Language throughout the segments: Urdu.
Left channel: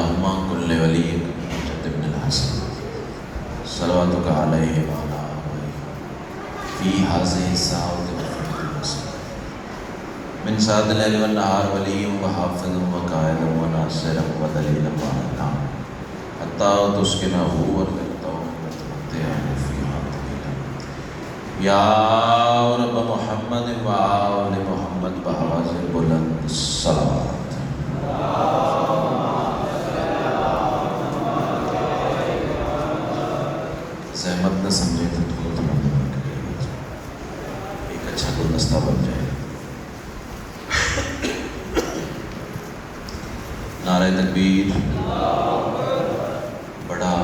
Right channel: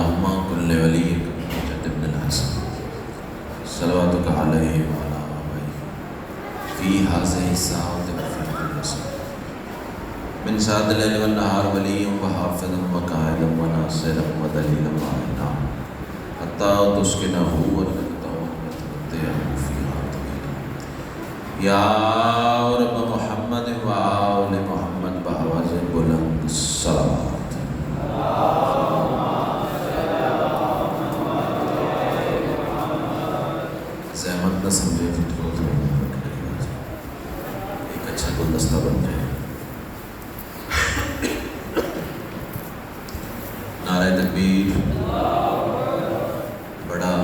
اللهم كل ولي مجد بن الحسن صلواتك عليه وعلى آله في هذه الساعة وفي كل ساعة من سعد الليل والنهار ولي وحافظ وقائد وناصر ودليل ومعنا حتى تسكنه یا رب محمد و آل محمد بآواز بلند الصلاۃ زحمت نہ سمجھے تو ایک اچھا گلدستہ بن جائے. نعرہ تکبیر. بڑا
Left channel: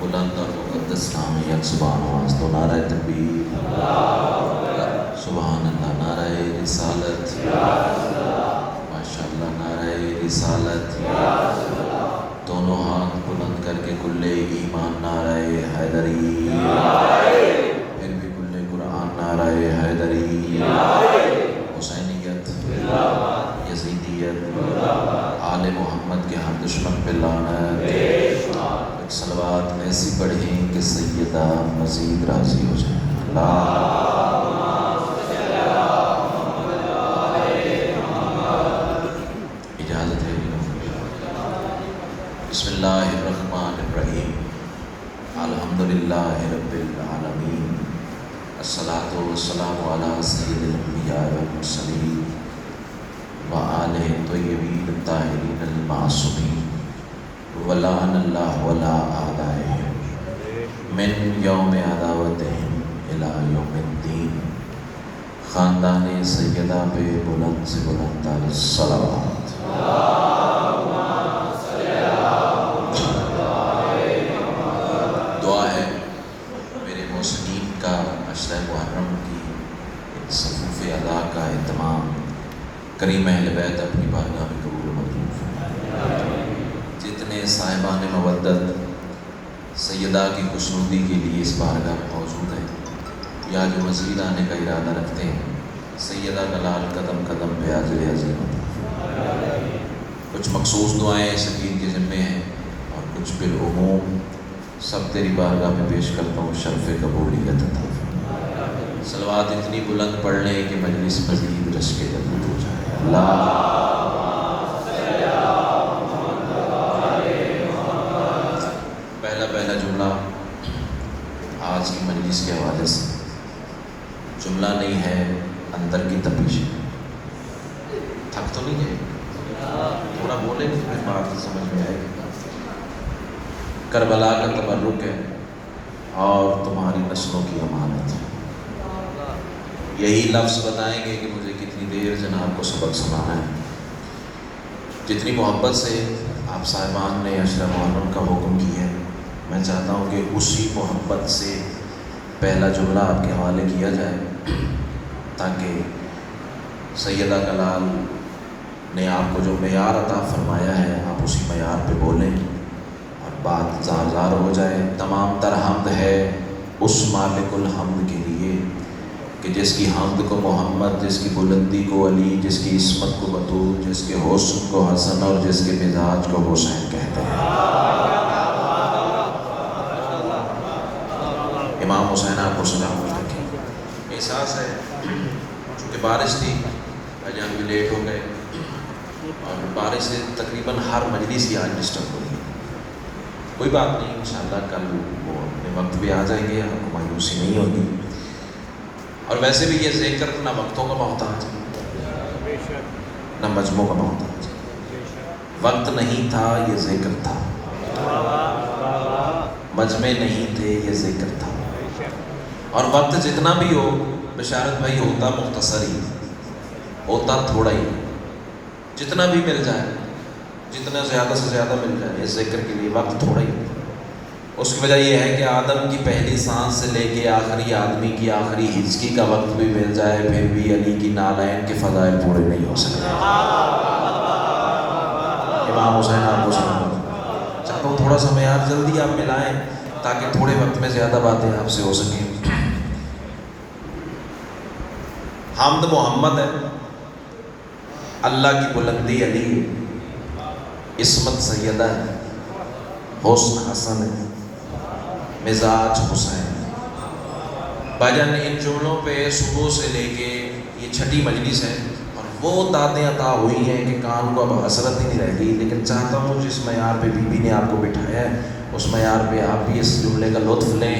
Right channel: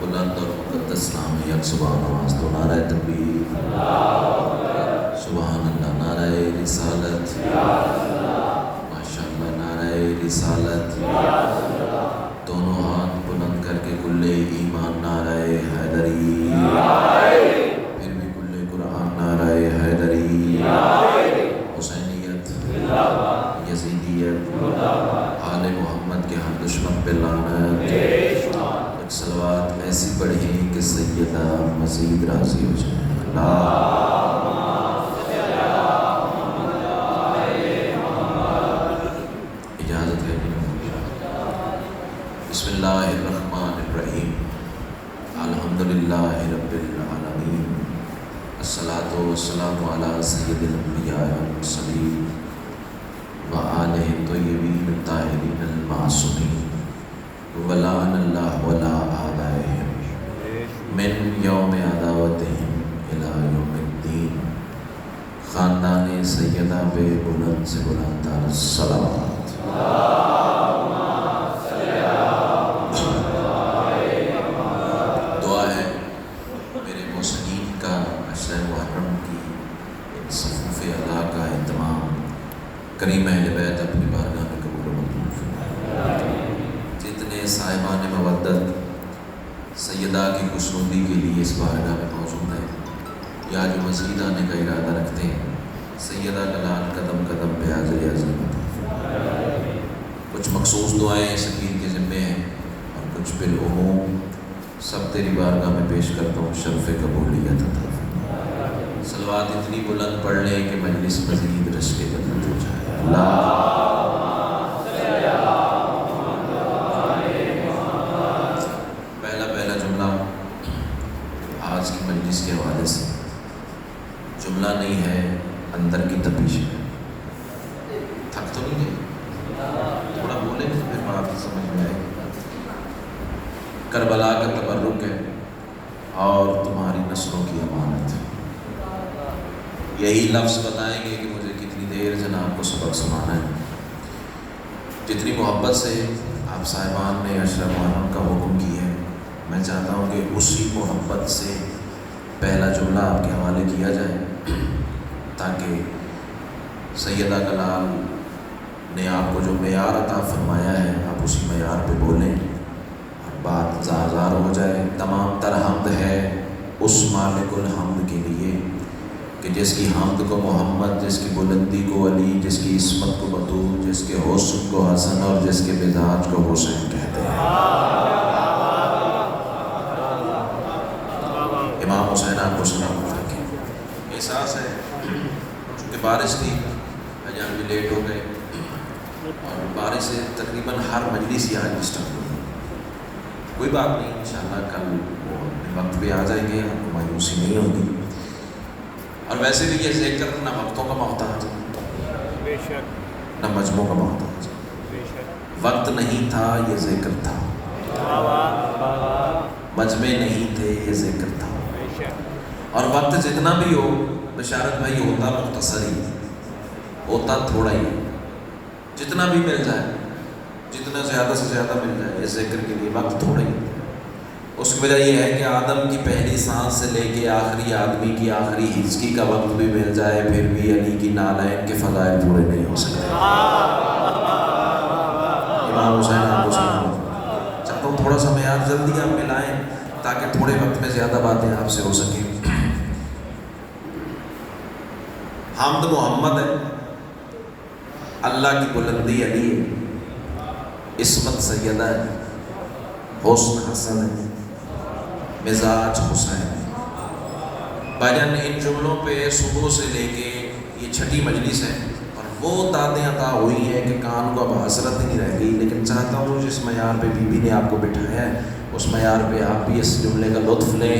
بلند اور مقدس نام ہے یک سبحان اللہ. تو نعرہ تکبیر سبحان اللہ. نعرہ رسالت ماشاء اللہ. نعرہ رسالت. دونوں ہاتھ بلند کر کے کلے ایمان نعرہ حیدری. پھر بھی کلے قرآن نعرہ حیدری. حسینیت یزیدیت آل محمد کے ہم دشمن پہ لعنت. صلوات ایسی پڑھیں کہ سیدہ مزید راضی ہو جائیں. اجازت ہے. بسم اللہ الرحمن الرحیم. الحمدللہ رب العالمین. الصلاۃ والسلام علی سید الانبیاء والمرسلین وآلہ الطیبین الطاہرین المعصومین ولعن اللہ ولا آلائہم من یوم عداوتہم الی یوم الدین. خاندان سیدہ پہ بلند سے بلند الصلوات. دعا ہے میرے محسنین کا عشر محرم کی صفوف ادا کا اہتمام کریم اہل بیت اپنی بارگاہ میں قبول منظور فرمائے. جتنے صاحبان مودت سیدہ کی خوشنودی کے لیے اس بارگاہ میں موجود ہیں یا جو مزید آنے کا ارادہ رکھتے ہیں سیدہ کا قدم قدم پہ حاضر عظیم. کچھ مخصوص دعائیں سکین کے ذمے ہیں اور کچھ بالعموم سب تیری بارگاہ میں پیش کرتا ہوں. شرف قبولیت عطا فرما. صلوات اتنی بلند پڑھ لیں کہ مجلس مزید رش کے قبول ہو جائے. پہلا جملہ آج کی مجلس کے حوالے سے جملہ نہیں ہے، اندر کی تپیش ہے. تھک تو نہیں ہے؟ تھوڑا بولے تو پھر بات سمجھ میں آئے گا. کربلا کا تبرک ہے اور تمہاری نسلوں کی امانت. یہی لفظ بتائیں گے کہ مجھے کتنی دیر جناب کو سبق سنانا ہے. جتنی محبت سے آپ صاحبان نے عشر محرم کا حکم کی ہے، میں چاہتا ہوں کہ اسی محبت سے پہلا جملہ آپ کے حوالے کیا جائے تاکہ سیدہ کلال نے آپ کو جو معیار عطا فرمایا ہے آپ اسی معیار پہ بولیں اور بات زار ہو جائے. تمام تر حمد ہے اس مالک الحمد کے لیے کہ جس کی حمد کو محمد، جس کی بلندی کو علی، جس کی عصمت کو بطول، جس کے حسن کو حسن اور جس کے مزاج کو حسین کہتے ہیں. امام حسین آپ کو سلام رکھیں. احساس ہے چونکہ بارش تھی جو ابھی لیٹ ہو گئے اور بارش سے تقریباً ہر مجلس کی آج ڈسٹرب ہو گئی. کوئی بات نہیں، انشاءاللہ کل وہ اپنے وقت پہ آ جائیں گے، مایوسی نہیں ہوگی. اور ویسے بھی یہ ذکر نہ وقتوں کا محتاج نہ مجموع کا محتاج. وقت نہیں تھا یہ ذکر تھا، مجمع نہیں تھے یہ ذکر تھا. اور وقت جتنا بھی ہو بشارت بھائی ہوتا مختصر ہی، ہوتا تھوڑا ہی. جتنا بھی مل جائے، جتنا زیادہ سے زیادہ مل جائے یہ ذکر کے لیے وقت تھوڑا ہی. اس کی وجہ یہ ہے کہ آدم کی پہلی سانس سے لے کے آخری آدمی کی آخری ہچکی کا وقت بھی مل جائے پھر بھی علی کی نالین کے فضائل پورے نہیں ہو سکتے. امام حسین آپ کو سلام. چلو تھوڑا سا معیار جلدی آپ ملائیں تاکہ تھوڑے وقت میں زیادہ باتیں آپ سے ہو سکیں. حمد محمد ہے، اللہ کی بلندی علی، عصمت سیدہ ہے. حسن حسن مزاج حسین. بھائی ان جملوں پہ صبح سے لے کے یہ چھٹی مجلس ہے، وہ دادیں عطا ہوئی ہیں کہ کان کو اب حسرت ہی نہیں رہ گئی. لیکن چاہتا ہوں جس معیار پہ بی بی نے آپ کو بٹھایا ہے اس معیار پہ آپ بھی اس جملے کا لطف لیں.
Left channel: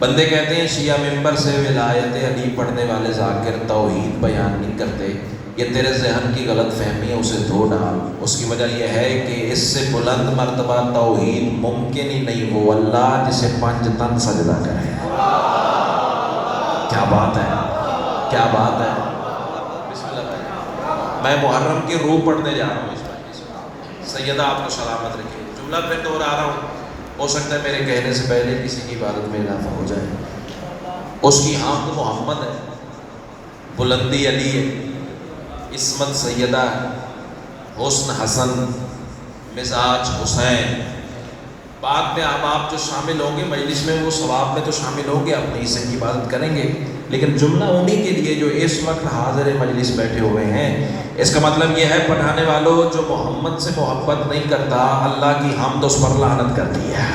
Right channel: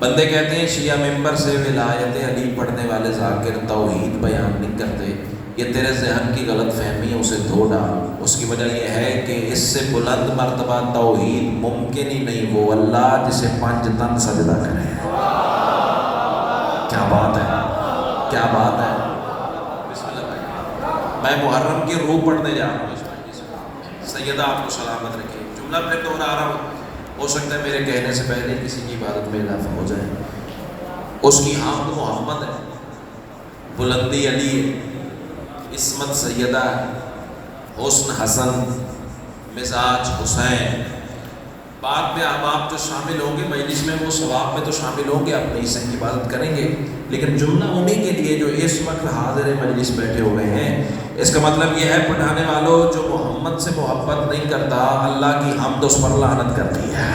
بندے کہتے ہیں شیعہ ممبر سے ولایت علی پڑھنے والے ذاکر توحید بیان نہیں کرتے. یہ تیرے ذہن کی غلط فہمی ہے، اسے دھو ڈال. اس کی وجہ یہ ہے کہ اس سے بلند مرتبہ توحید ممکن ہی نہیں، وہ اللہ جسے 5 تن سجدہ کرے. کیا بات ہے، کیا بات ہے. میں محرم کی روح پڑھنے جا رہا ہوں. سیدہ آپ کو سلامت رکھے. جملہ پھر دوہرا رہا ہوں، ہو سکتا ہے میرے کہنے سے پہلے کسی کی عبادت میں اضافہ ہو جائے. اس کی حمد محمد ہے، بلندی علی ہے، عصمت سیدہ، حسن حسن، مزاج حسین. بعد میں آپ جو شامل ہوں گے مجلس میں وہ ثواب میں تو شامل ہوں گے، اپنی حصے کی عبادت کریں گے. لیکن جملہ انہیں کے لیے جو اس وقت حاضر مجلس بیٹھے ہوئے ہیں. اس کا مطلب یہ ہے پڑھانے والوں جو محمد سے محبت نہیں کرتا اللہ کی حمد اس پر لعنت کرتی ہے.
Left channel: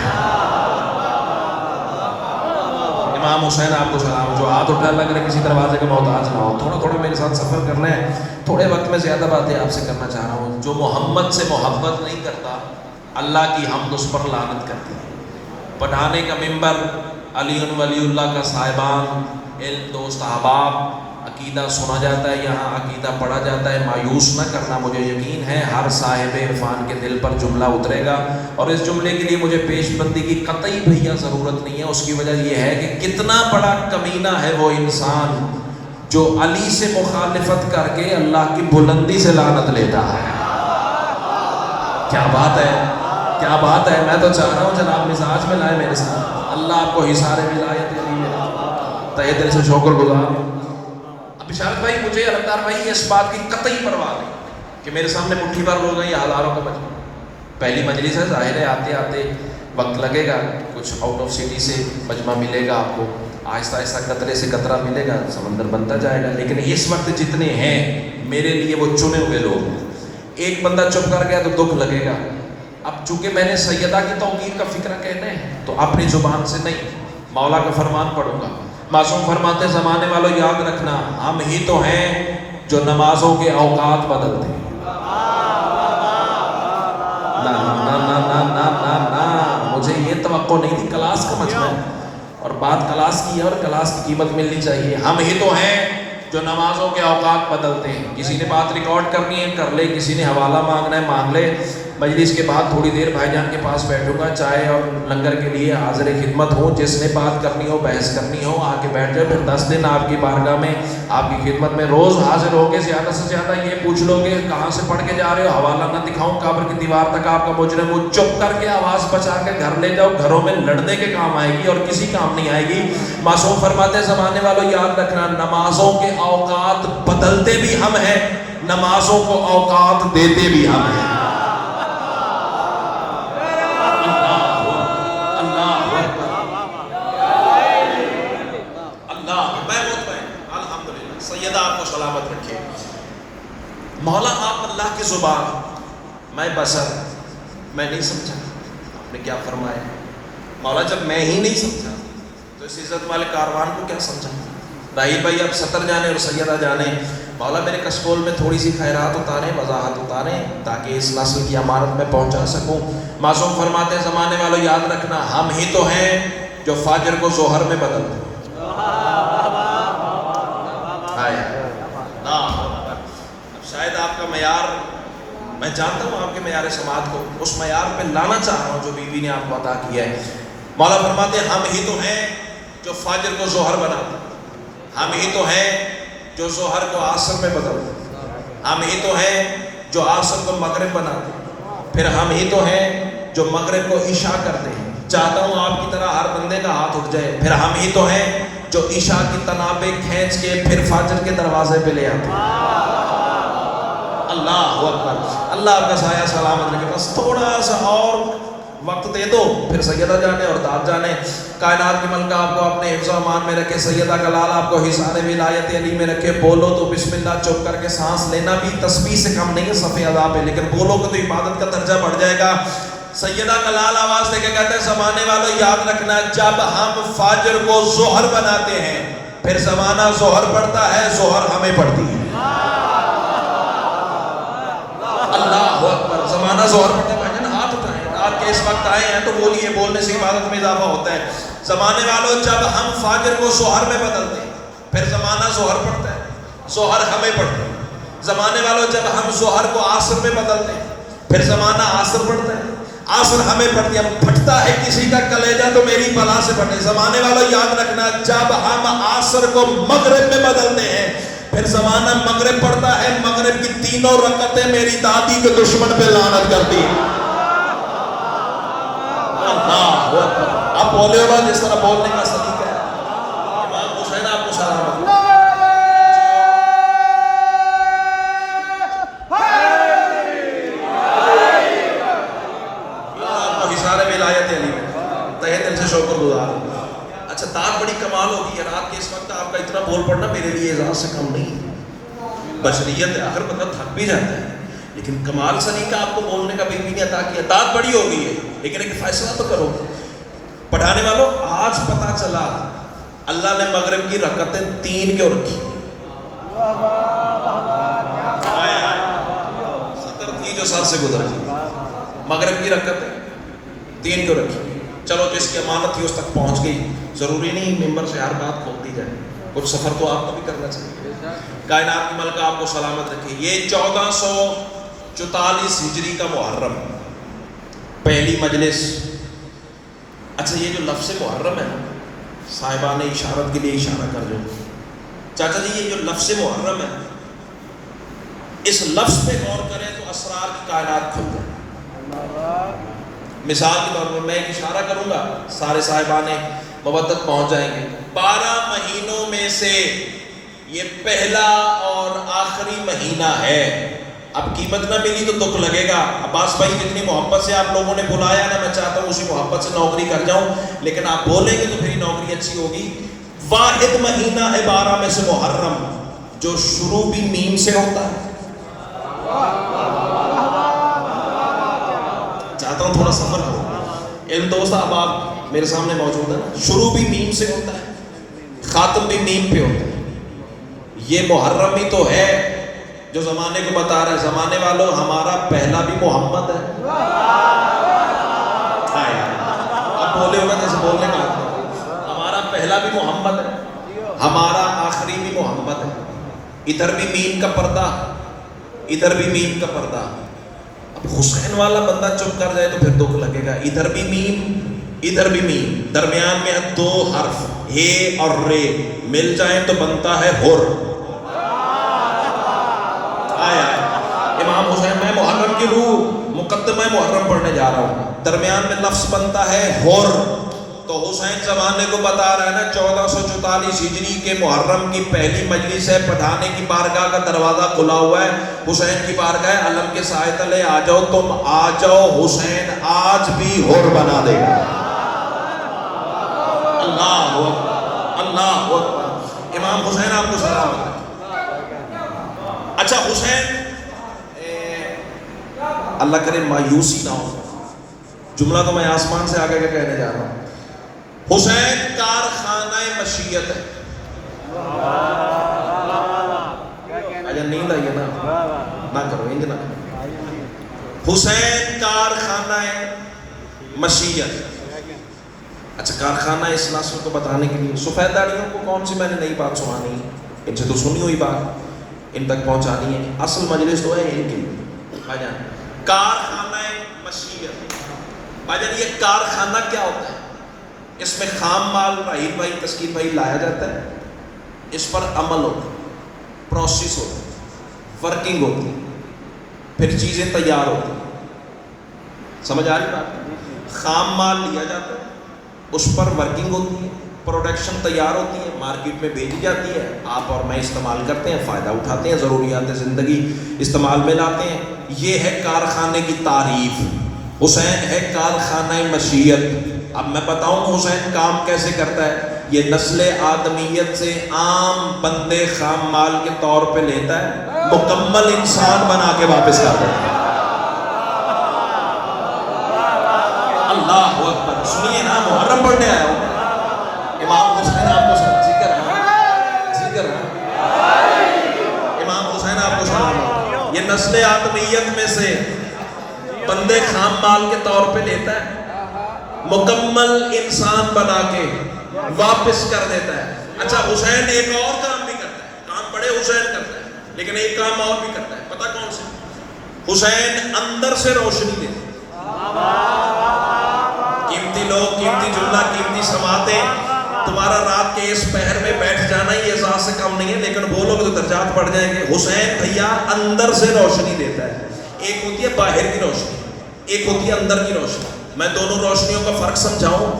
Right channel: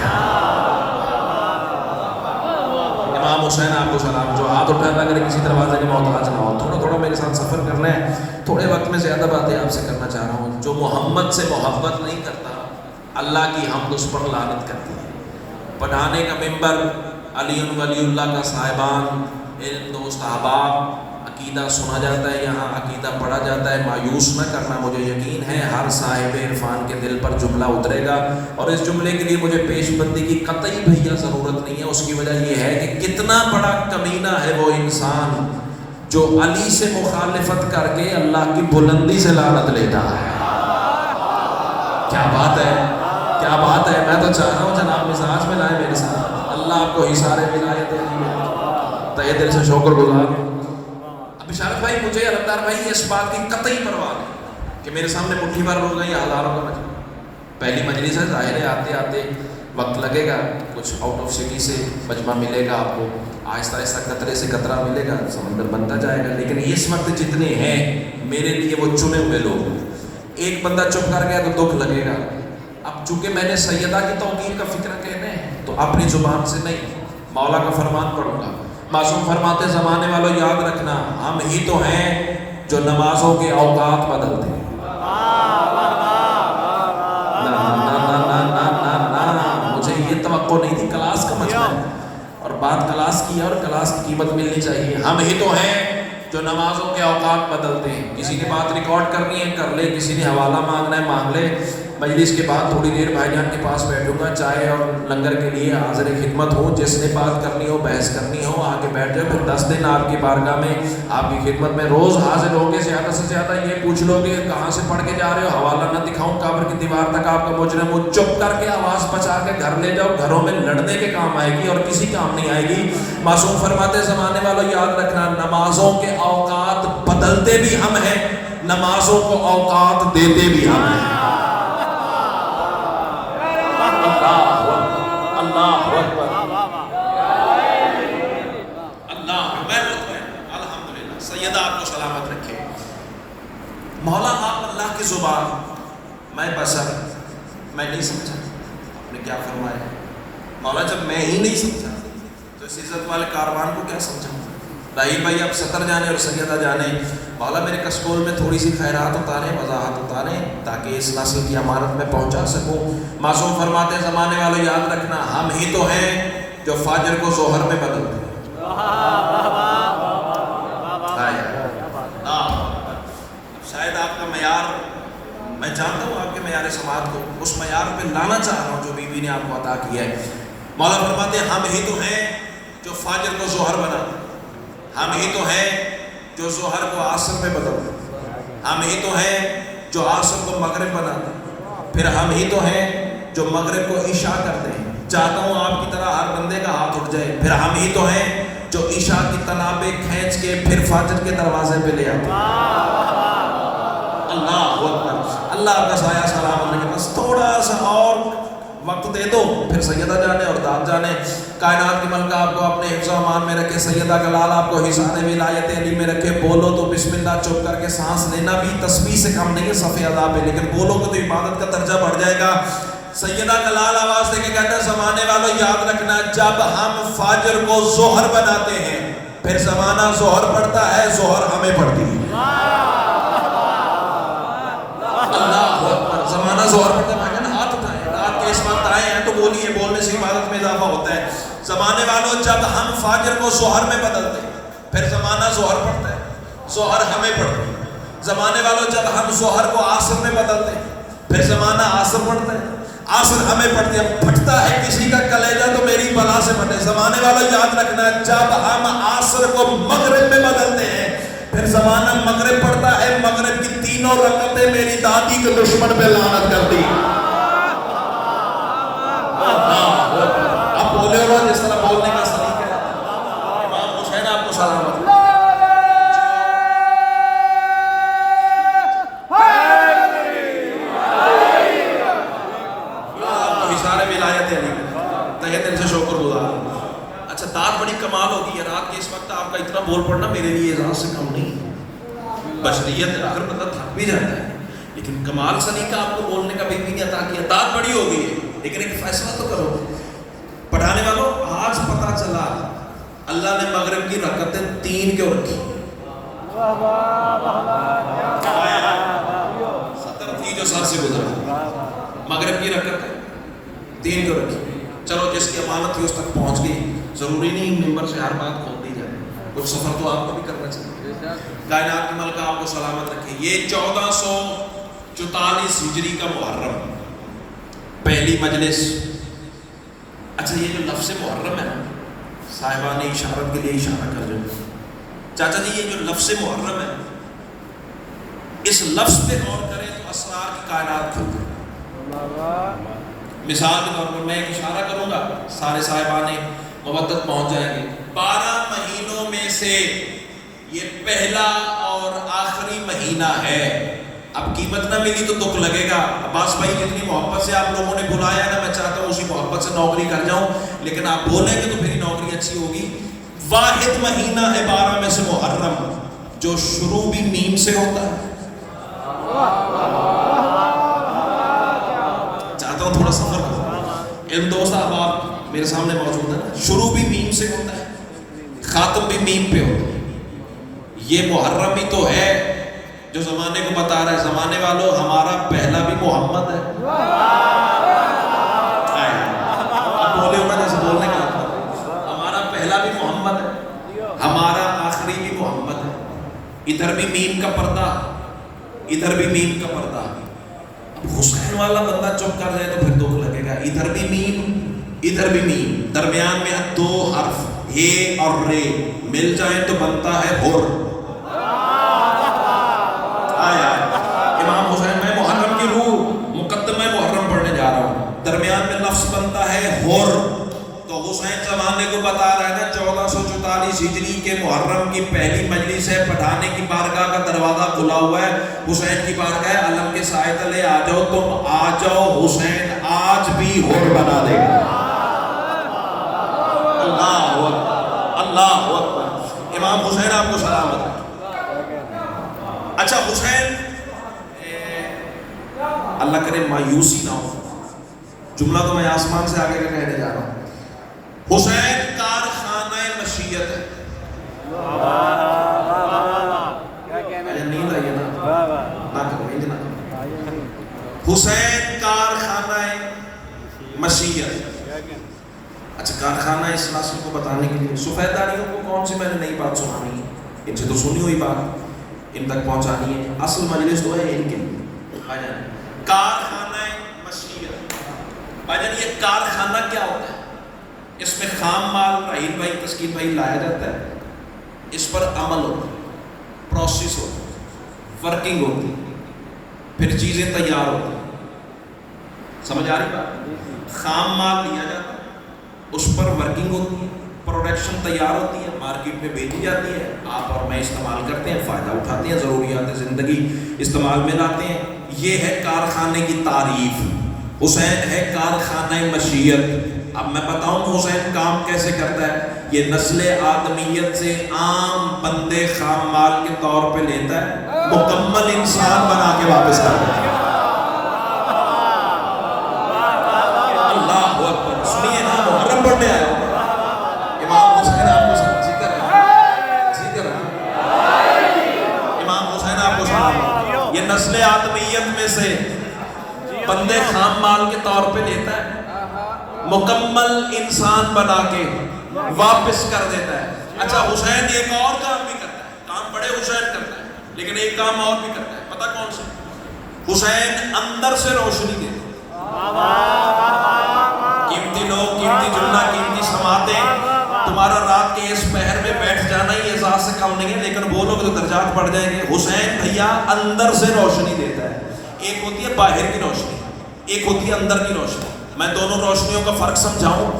امام حسین آپ کو سلام. جو ہاتھ اٹھا اللہ کرے کسی دروازے کے محتاج نہ ہو. تھوڑا میرے ساتھ سفر کرنا ہے، تھوڑے وقت میں زیادہ باتیں آپ سے کرنا چاہ رہا ہوں. جو محمد سے محبت نہیں کرتا اللہ کی حمد اس پر لعنت کرتی ہے. پڑھانے کا منبر، علی ولی اللہ کا صاحبان، علم دوست احباب، عقیدہ سنا جاتا ہے، یہاں عقیدہ پڑھا جاتا ہے. مایوس نہ کرنا، مجھے یقین ہے ہر صاحب عرفان کے دل پر جملہ اترے گا. اور اس جملے کے لیے مجھے پیش بندی کی قطعی بھیا ضرورت نہیں ہے. اس کی وجہ یہ ہے کہ کتنا بڑا کمینہ ہے وہ انسان جو علی سے مخالفت کر کے اللہ کی بلندی سے لعنت لیتا ہے. کیا بات ہے، کیا بات ہے. میں تو چاہ رہا ہوں جناب مزاج میں لائے میرے ساتھ. اللہ آپ کو حساب ولایت تہ دل سے شکر گزار ہوں. بشارت بھائی مجھے رفتار بھائی اس بات کی قطعی پرواہ ہے کہ میرے سامنے مٹھی بھر ہو گئی ہزاروں کو. پہلی مجلس ہے، ظاہر ہے آتے آتے وقت لگے گا. کچھ آؤٹ آف سٹی سے مجمع ملے گا آپ کو، آہستہ آہستہ قطرے سے قطرہ ملے گا، سمندر بنتا جائے گا. لیکن اس وقت جتنے ہیں میرے لیے وہ چنے ہوئے لوگ. ایک بندہ چپ کر گیا تو دکھ لگے گا. اب چونکہ میں نے سیدہ کی توقیر کا فکر کہنا ہے تو اپنی زبان سے نہیں مولا کا فرمان پڑھوں گا. معصوم فرماتے زمانے والوں یاد رکھنا ہم ہی تو ہیں جو نمازوں کے اوقات بدلتے ہیں. مجھے یہ توقع نہیں تھی کلاس کا مجمع ہے اور بات کلاس کی ہے اور کلاس کی قیمت ملنی چاہیے. ہم ہی تو ہیں جو نمازوں کے اوقات بدلتے ہیں. کسی نے بات ریکارڈ کرنی ہے کر لے، کسی نے حوالہ مانگنا ہے مانگ لے. مجلس کے بعد تھوڑی دیر بھائی جان کے پاس بیٹھوں گا، چائے اور لنگر کے لیے حاضر خدمت ہوں. جس نے بات کرنی ہو، بحث کرنی ہو، آ کے بیٹھ جائے. پھر 10 دن آپ کی بارگاہ میں آپ کی خدمت میں روز حاضر ہو کے زیادہ سے زیادہ یہ پوچھ لو کہ کہاں سے پڑھ کے جا رہے ہو، حوالہ نہ دکھاؤں، قبر کی دیوار تک آپ کا مجرم وہ چپ کر کے آواز بچا کے گھر لے جاؤ. گھروں میں لڑنے کے کام آئے گی اور کسی کام نہیں آئے گی. معصوم فرماتے زمانے والوں یاد رکھنا نمازوں کے اوقات بدلتے بھی ہم ہیں، نمازوں کو اوقات دیتے بھی ہم ہیں. مولا آپ اللہ کے زبان، میں بشر، میں نہیں سمجھا. آپ نے کیا فرمایا مولا جب میں ہی نہیں سمجھا تو اس عزت والے کاروان کو کیا سمجھا. راہیل بھائی اب سطر جانے اور سیدہ جانے. مولا میرے کسکول میں تھوڑی سی خیرات اتاریں، وضاحت اتاریں تاکہ اس نسل کی امانت میں پہنچا سکوں. معصوم فرماتے زمانے والوں یاد رکھنا ہم ہی تو ہیں جو فجر کو ظہر میں بدلتے ہیں. میں جانتا ہوں آپ کے معیار سماعت کو، اس معیار پہ لانا چاہ رہا ہوں جو بی بی نے آپ کو عطا کیا ہے. مولا فرماتے ہیں ہم ہی تو ہیں جو فجر کو ظہر بناتے ہیں. ہم ہی تو ہیں جو ظہر کو عصر میں بدلتے ہیں. ہم ہی تو ہیں جو عصر کو مغرب بناتے ہیں. پھر ہم ہی تو ہیں جو مغرب کو عشاء کرتے ہیں. چاہتا ہوں آپ کی طرح ہر بندے کا ہاتھ اٹھ جائے. پھر ہم ہی تو ہیں جو عشاء کی تنابیں کھینچ کے پھر فجر کے دروازے پہ لے آتے ہیں. اللہ کا سایہ سلام علیہ. بس تھوڑا سا اور وقت دے دو پھر سیدہ جانے اور داد جانے. کائنات کی ملکہ آپ کو اپنے حفظ و امان میں رکھے، سیدہ کا لال آپ کو حصان ولایت علی میں رکھے. بولو تو بسم اللہ چپ کر کے سانس لینا بھی تسبیح سے کم نہیں ہے صفحہ ادا پہ، لیکن بولو گے تو عبادت کا درجہ بڑھ جائے گا. سیدہ کلال آواز دے کے کہتے ہیں زمانے والوں یاد رکھنا جب ہم فجر کو ظہر بناتے ہیں پھر زمانہ ظہر پڑھتا ہے ظہر ہمیں پڑھتی ہے. اللہ اکبر. زمانہ ظہر پڑھتا ہے. ہاتھ اٹھائیں آپ کے اس وقت آئے ہیں تو بولیے, بولنے سے عبادت میں اضافہ ہوتا ہے. زمانے والوں جب ہم فجر کو ظہر میں بدلتے ہیں پھر زمانہ ظہر پڑھتا ہے ظہر ہمیں پڑھتا ہے. زمانے والوں جب ہم ظہر کو عصر میں بدلتے ہیں پھر زمانہ عصر پڑھتا ہے عصر ہمیں پڑھتی ہے. پھٹتا ہے کسی کا کلیجہ تو میری بلا سے پڑھے. زمانے والوں یاد رکھنا جب ہم عصر کو مغرب میں بدلتے ہیں پھر زمانہ مغرب پڑھتا ہے. مغرب کی تینوں رکعتیں میری دادی کے دشمن پہ لعنت کرتی. آپ بولے ہو جس طرح بولنے کا سلیقہ ہے. امام حسین آپ کو سلامت. اچھا داد بڑی کمال ہوگی ہے. رات کے اس وقت آپ کا اتنا بول پڑنا میرے لیے اعزاز سے کم نہیں. بشریت ہے آخر مطلب تھک بھی جاتا ہے لیکن کمال سلیقہ آپ کو بولنے کا بھی نہیں عطا کیا. داد بڑی ہوگی ہے لیکن ایک فیصلہ تو کرو. پڑھانے والوں آج پتہ چلا اللہ نے مغرب کی رکعتیں 3 کیوں رکھی. سطر تھی جو سر سے گزر مغرب کی رکعتیں 3 کیوں رکھی. چلو جس کی امانت تھی اس تک پہنچ گئی. ضروری نہیں ممبر سے ہر بات کھولتی جائے. کچھ سفر تو آپ کو بھی کرنا چاہیے. کائنات کی ملکہ آپ کو سلامت رکھے. یہ 1444 ہجری کا محرم پہلی مجلس. اچھا یہ جو لفظ محرم ہے صاحبان اشارت کے لیے اشارہ کر رہے ہیں. چاچا جی یہ جو لفظ محرم ہے اس لفظ پہ غور کریں تو اسرار کی کائنات کھلتی ہے. مثال کے طور پر میں ایک اشارہ کروں گا سارے صاحبان مودت پہنچ جائیں گے. 12 مہینوں میں سے یہ پہلا اور آخری مہینہ ہے. اب قیمت نہ ملی تو دکھ لگے گا. عباس بھائی جتنی محبت سے آپ لوگوں نے بلایا نا میں چاہتا ہوں اسی محبت سے نوکری کر جاؤں لیکن آپ بولیں گے تو پھر نوکری اچھی ہوگی. واحد مہینہ ہے 12 میں سے محرم جو شروع بھی میم سے ہوتا ہے. چاہتا ہوں تھوڑا سفر ہو. علم دوست احباب میرے سامنے موجود ہے. شروع بھی میم سے ہوتا ہے خاتم بھی میم پہ ہوتا ہے. یہ محرم ہی تو ہے جو زمانے کو بتا رہا ہے. زمانے والوں ہمارا پہلا بھی محمد ہے. آپ بولے ہوگا جیسے بولنے کا ہمارا پہلا بھی محمد ہے ہمارا آخری بھی محمد ہے. ادھر بھی میم کا پردہ ادھر بھی میم کا پردہ. حسین والا بندہ چپ کر جائے تو پھر دکھ لگے گا. ادھر بھی میم ادھر بھی میم. درمیان میں 2 حرف ہے اور رے مل جائیں تو بنتا ہے ہر. آیا امام حسین میں محرم کی روح مقدمہ محرم پڑھنے جا رہا ہوں. درمیان میں لفظ بنتا ہے ہر. تو حسین زمانے کو بتا رہا ہے نا 1444 ہجری کے محرم کی پہلی مجلس ہے. پٹھانے کی بارگاہ کا دروازہ کھلا ہوا ہے. حسین کی بارگاہ ہے. علم کے سائے تلے آ جاؤ تم آ جاؤ. حسین آج بھی ہر بنا دے گا. اللہ اکبر اللہ اکبر. امام حسین آپ کو سلام. اچھا حسین اللہ کرے مایوسی نہ ہو. جملہ تو میں آسمان سے آگے کا کہنے جا رہا ہوں. حسین کارخانہ مشیت ہے. نیند آئی ہے نہ کرو انج نہ. حسین کارخانہ مشیت. اچھا کارخانہ اس نسل کو بتانے کے لیے سفید داڑیوں کو کون سی میں نے نئی بات سنانی ہے. ان سے تو سنی ہوئی بات ان تک پہنچانی ہے. اصل مجلس تو ہے ان کے لیے. بھائی کارخانہ مشیت. بھائی یہ کارخانہ کیا ہوتا ہے؟ اس میں خام مال راہیل بھائی تسکین بھائی لایا جاتا ہے. اس پر عمل ہوتا ہے پروسیس ہوتا ہے ورکنگ ہوتی ہے پھر چیزیں تیار ہوتی ہیں. سمجھ آ رہی بات؟ خام مال لیا جاتا ہے اس پر ورکنگ ہوتی ہے پروڈکشن تیار ہوتی ہے مارکیٹ میں بیچی جاتی ہے. آپ اور میں استعمال کرتے ہیں فائدہ اٹھاتے ہیں ضروریات زندگی استعمال میں لاتے ہیں. یہ ہے کارخانے کی تعریف. حسین ہے کارخانہ مشیت. اب میں بتاؤں حسین کام کیسے کرتا ہے. یہ نسل آدمیت سے عام بندے خام مال کے طور پہ لیتا ہے مکمل انسان بنا کے واپس کرتا ہے. انسانیت میں سے بندے خام مال کے طور پہ لیتا ہے، مکمل انسان بنا کے واپس کر دیتا ہے۔ اچھا حسین ایک اور کام بھی کرتا ہے، کام بڑے حسین کرتا ہے، لیکن ایک کام اور بھی کرتا ہے، پتہ کون سا؟ حسین اندر سے روشنی دیتا ہے۔ قیمتی لوگ، قیمتی جملہ، قیمتی سماعتیں، تمہارا رات کے اس پہر میں بیٹھ جانا یہ احساس سے کم نہیں ہے، لیکن وہ لوگ تو درجات پڑھ جائیں گے۔ حسین بھیا اندر سے روشنی دیتا ہے۔ ایک ہوتی ہے باہر کی روشنی، ایک ہوتی ہے اندر کی روشنی۔ میں دونوں روشنیوں کا فرق سمجھاؤں۔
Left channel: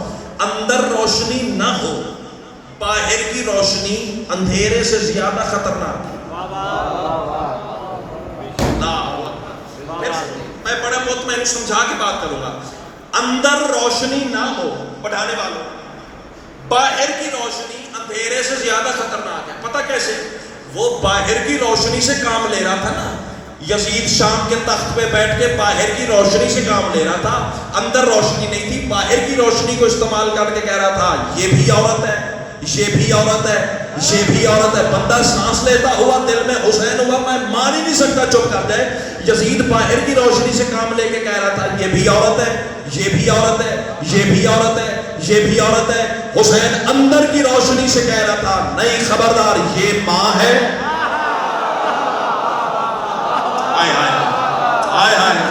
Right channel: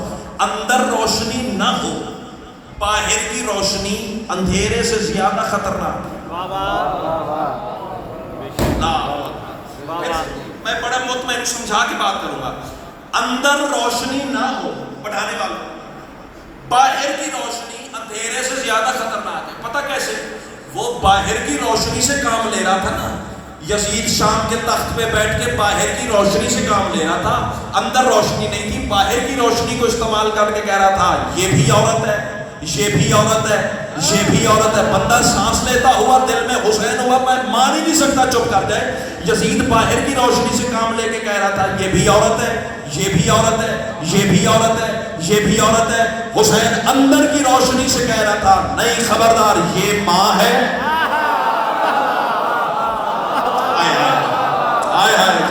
اندر روشنی نہ ہو، باہر کی روشنی اندھیرے سے زیادہ خطرناک ہے۔ میں بڑا مطمئن سمجھا کے بات کروں گا۔ اندر روشنی نہ ہو پڑھانے والوں، باہر کی روشنی اندھیرے سے زیادہ خطرناک ہے۔ پتہ کیسے؟ وہ باہر کی روشنی سے کام لے رہا تھا نا، یزید شام کے تخت پہ بیٹھ کے باہر کی روشنی سے کام لے رہا تھا، اندر روشنی نہیں تھی، باہر کی روشنی کو استعمال کر کے کہہ رہا تھا یہ بھی عورت ہے، یہ بھی عورت ہے، یہ بھی عورت ہے۔ بندہ سانس لیتا ہوا دل میں حسین ہوا، میں مان ہی نہیں سکتا، چپ کر جائے۔ یزید باہر کی روشنی سے کام لے کے کہہ رہا تھا یہ بھی عورت ہے، یہ بھی عورت ہے، یہ بھی عورت ہے، یہ بھی عورت ہے۔ حسین اندر کی روشنی سے کہہ رہا تھا نہیں خبردار، یہ ماں ہے۔